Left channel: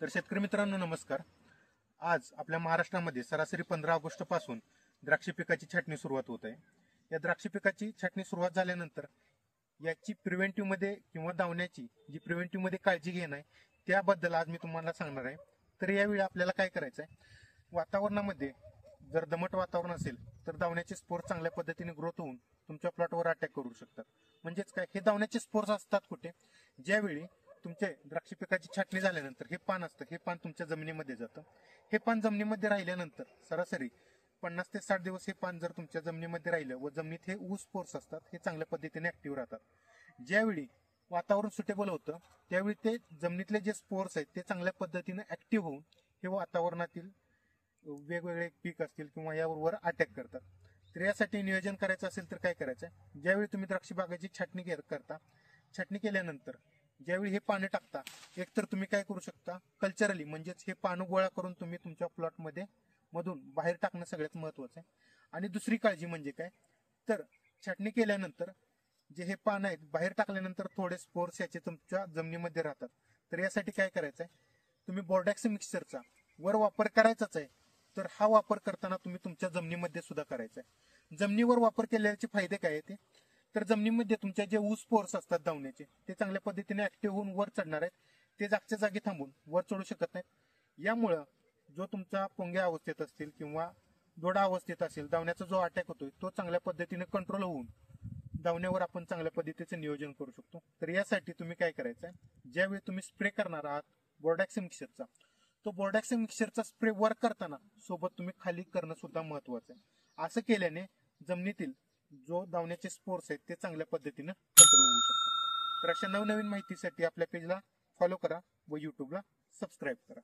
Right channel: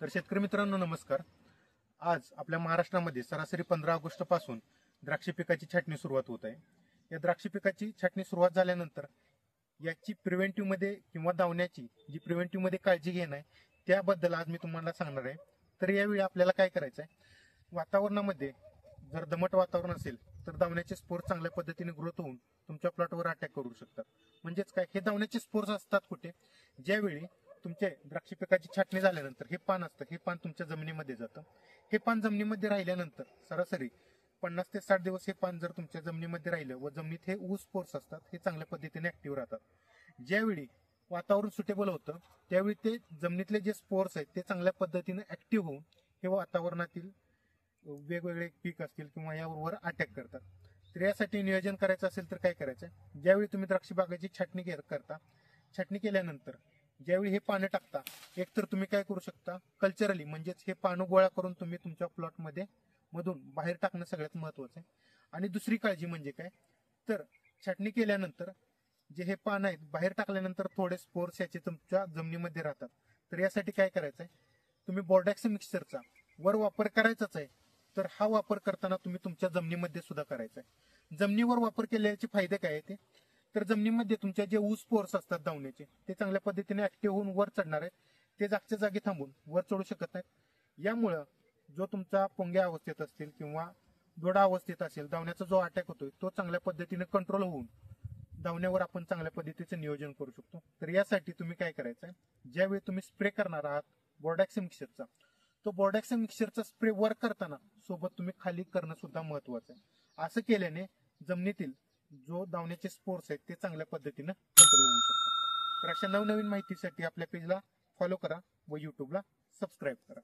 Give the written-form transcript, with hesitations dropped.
तर शेतकरी मित्रांनो नमस्कार. आज आपल्या महाराष्ट्रामध्ये सरासरी 15 ऑगस्ट पासून द्राक्ष पिकाची छाटणी सुरुवात होत आहे. या द्राक्ष पिकाची छाटणी सुरुवात झाल्यानंतर याची प्रिव्हेंटिव्ह मध्ये किंवा दावण्याची जी प्रिव्हेंटिव्ह मध्ये काळजी घेणं आहे त्याबद्दल आज मी तुम्हाला सांगणार आहे. तर यावेळी आपल्याला काय करायचं आहे, वातावरणामध्ये जर दमट वातावरण असेल तर दावण्याचे स्पोर चांगल्या पद्धतीने ग्रोथ होऊन तुमच्या प्लॉटवर अटॅक करू शकतात. म्हणजेच काय, हे दावण्याचे स्पोर्स असतात कुठे, ज्यावेळी तुमचे द्राक्ष पिकाची छाटणी झाल्यानंतर हे पान असतं, हे पान तुमच्या जमिनीमध्ये जातं. हे पान जमिनीमध्ये राहिल्यानंतर सरासरी 50 ते 60 दिवस हे पान जर तुमच्या जमिनीमध्ये राहिलं व जमिनीत हे ऊस स्पोर्स असतात हे चांगल्या पद्धतीने ऍक्टिव्ह राहतात. ज्यावेळी वातावरण सुटेबल होतं त्यावेळी ते जमिनीतले जे स्पोर्स आहेत ते चांगल्या पद्धतीने ऍक्टिव्ह होऊन हे वातावरणातील वेगवेगळे पीक असतील किंवा यावर अटॅक करतात. तर यासाठी नियोजन करायचं असेल तर काय करायचं, ज्यावेळी तुम्ही द्राक्ष बागेची छाटणी करता, छाटणी केल्यानंतर ज्यावेळी हे पानं टाकता, एकतर तुम्ही काय करू शकता, कल्चरली म्हणजेच हे पानं गोळा करून तुम्ही तुमच्या प्लॉटमध्ये मधून बाहेर टाकणं सगळ्यात महत्वाचं आहे. आणि दुसरी काळजी म्हणजे काय, तर छाटणी केल्यानंतर जे हे पान आहेत बाहेर टाकल्यानंतर थोडे स्पोर्स याचे तुमच्या जमिनीमध्ये राहतात. तर यासाठी काय करायचं आहे, तुम्ही बोर्डॅक्स मिक्सरचा वर वापर करायचाच आहे, तर हा वापर करताना तुम्ही तुमच्या जमिनीमध्ये सुद्धा करायचा आहे. जमिनीवर वापर केल्याचे फायदे काय आहे ते, तर जमिनीमध्ये तुमच्या जे ऊस स्पोर्स असतात दावण्याचे ते चांगल्या पद्धतीने ऍक्टिव्ह होऊन वर चढणार आहेत, ते जागच्या जागी थांबून वर चढू शकत नाहीत. यामुळं जो तुमचा पोंग्या अवस्थेत असतील किंवा दोडा अवस्थेत असेल, दावण्याचा जो अटॅक होतोय तो चांगल्या पद्धतीने कंट्रोल होऊन दावण्यावर आपण चांगल्या पद्धतीचं नियोजन करू शकतो. तर यासाठी तुम्ही काय करायचं आहे, ज्यावेळी तुम्ही स्प्रे करणार आहात बोर्डॅक्स मिक्सरचा, तो बोर्डॅक्स मिक्सरचा स्प्रे वर करताना सोबत तुम्ही खाली करणं सुद्धा महत्वाचं आहे. असं केल्याने जमिनीतील जो दावण्याचे स्पोर्स आहेत ते चांगल्या पद्धतीनं कंट्रोल होऊ शकतात. तर अशा नवनवीन माहितीसाठी आपल्या पेजला फॉलो करा व युट्यूबला सबस्क्राईब करा.